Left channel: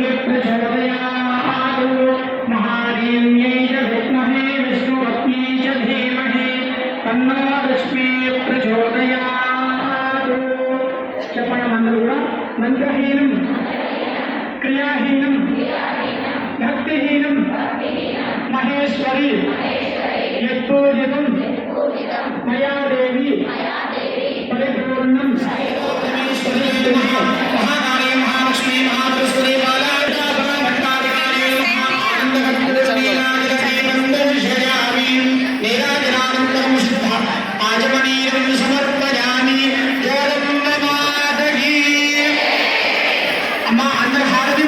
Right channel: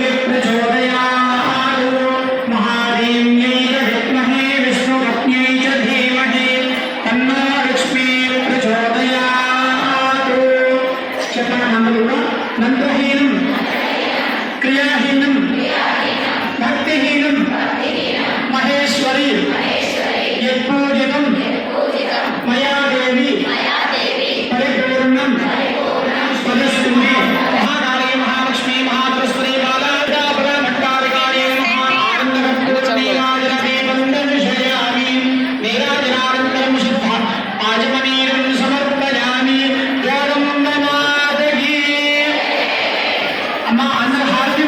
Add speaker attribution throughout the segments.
Speaker 1: সঙ্গে জমা দেয়া అమ్మ అందరి హారతి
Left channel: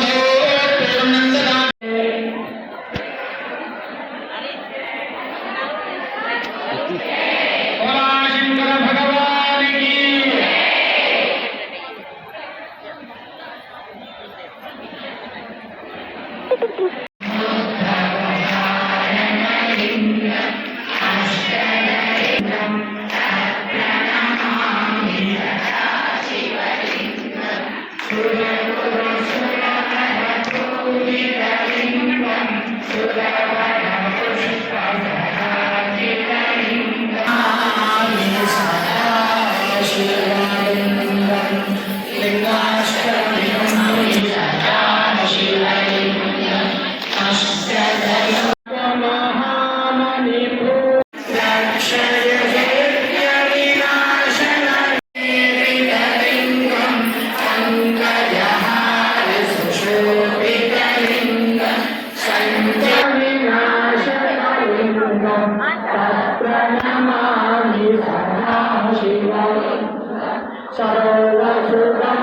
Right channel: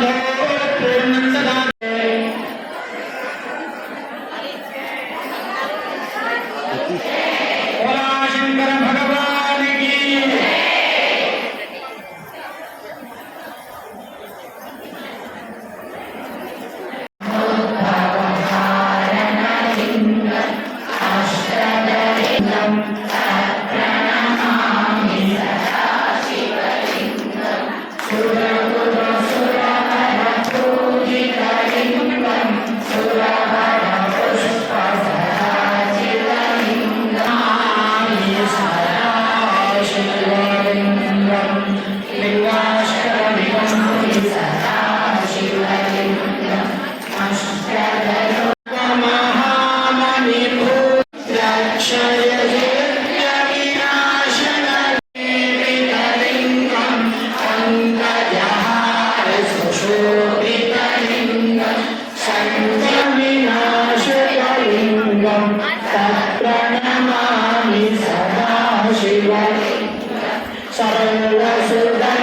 Speaker 2: Thank you. प्रणमामि सदा शिव सरलसुगन्धसुरे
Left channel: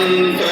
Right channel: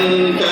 Speaker 2: Santo.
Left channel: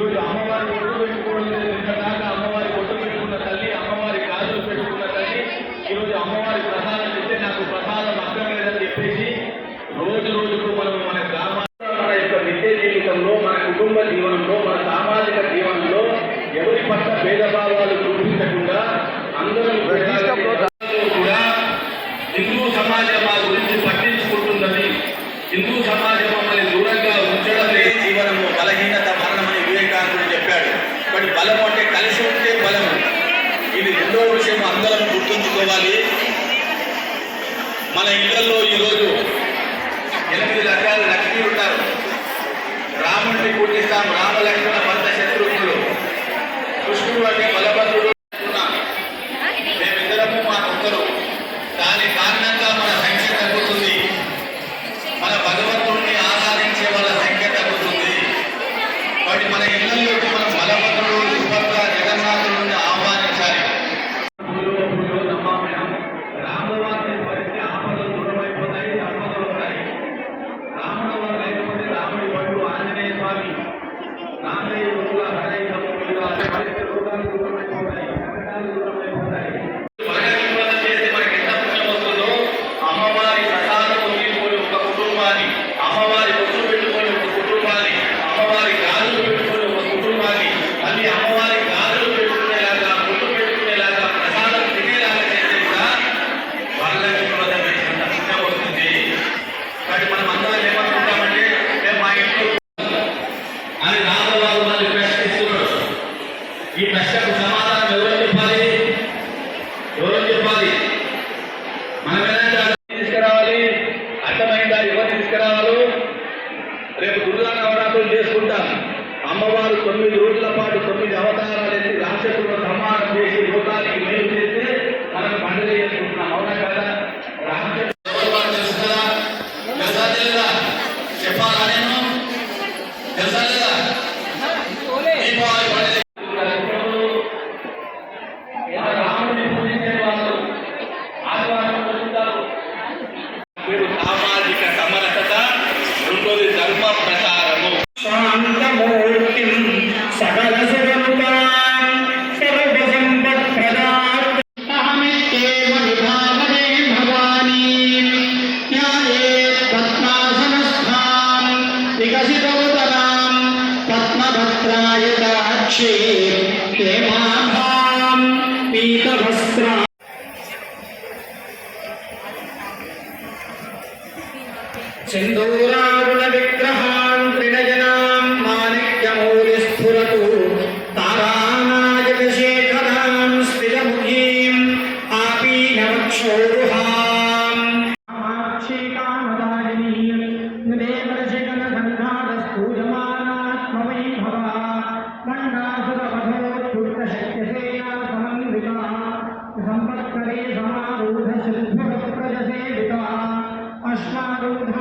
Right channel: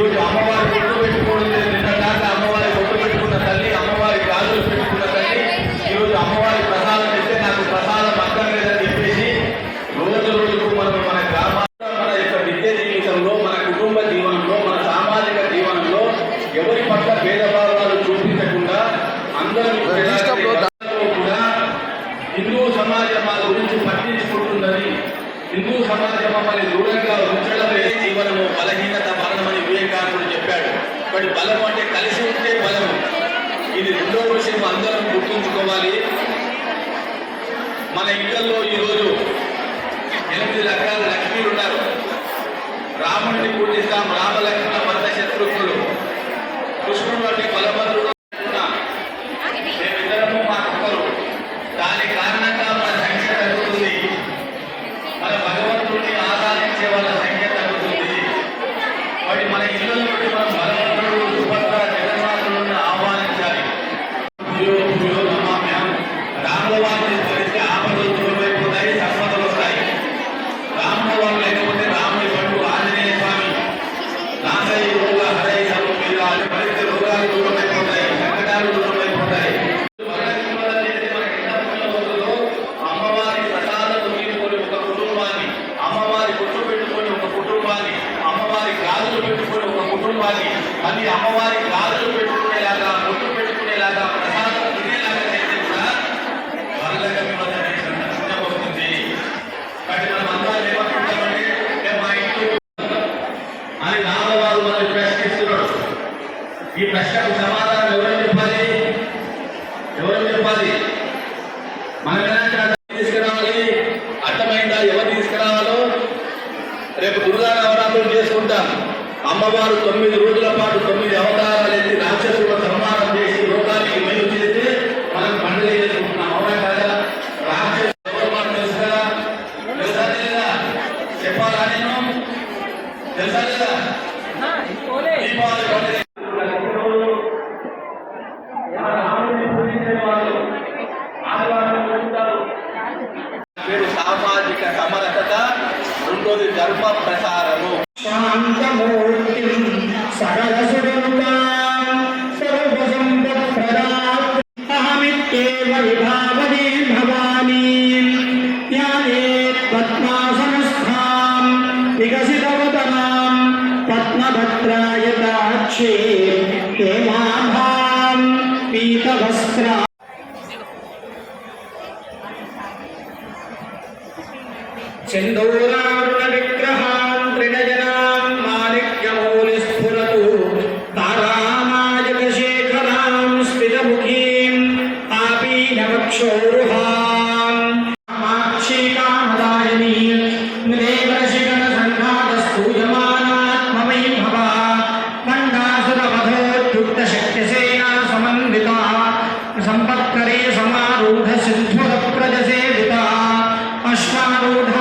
Speaker 2: అమ్మవారి దాకా అమ్మవారి పెట్టుకున్న తల్లి అమ్మవారి పెట్టుకున్న తల్లి నాకు చెప్పేసి మన మన యొక్క జీవితంలో మన కుటుంబ జీవనంలో మన సామాజిక జీవనంలో ఎవరి
Speaker 1: పట్ల
Speaker 3: భేదభావాలు అందరూ
Speaker 4: కూడా హిందూ సమాజం మా గురించి పట్టించుకుంటుందని హిందూ సమాజం మమ్మల్ని దూరంగా
Speaker 5: కాబట్టి బలం అంటే కలిసి ఉంటే బలం. ఇది రెండో విషయం అందరం గుర్తుంచుకోవాలి. మన ఇళ్ళలో మళ్ళీ అమ్మవారి గాజులు పెట్టుకునేలాగా బొట్టు పెట్టుకునేలాగా ప్రసాదం తినేలాగా చేస్తే కూడా వరలక్ష్మి వస్తుంది. కానీ మనం అందరం ఏమనుకుంటామంటే మేము మా ఇంట్లో అని రామవారు మనల్ని ప్రశ్నిస్తున్నాడు. ఈ ప్రశ్నకు సమాధానం ఎవరు చెప్పాలి? ఎవరు చెప్పాలి? మనం అమ్మవారు తొమ్మిది రోజుల పాటు తొమ్మిది అవతారాలు ఎత్తి రాక్షసుల సంహారం చేసి లోకానికి మేలు చేస్తే మనం పండుగ చేసుకుంటున్నాం. అవునా కదా? రాక్షసు తెలుసు కదా? తెలుసా చెప్పాలా నేను? తెలుసా లేదా? దీపావళి
Speaker 1: मात्राय दाक्षे ते माम् करे समारूढ सिद्धुरप्रजसेविता अश्वारूढ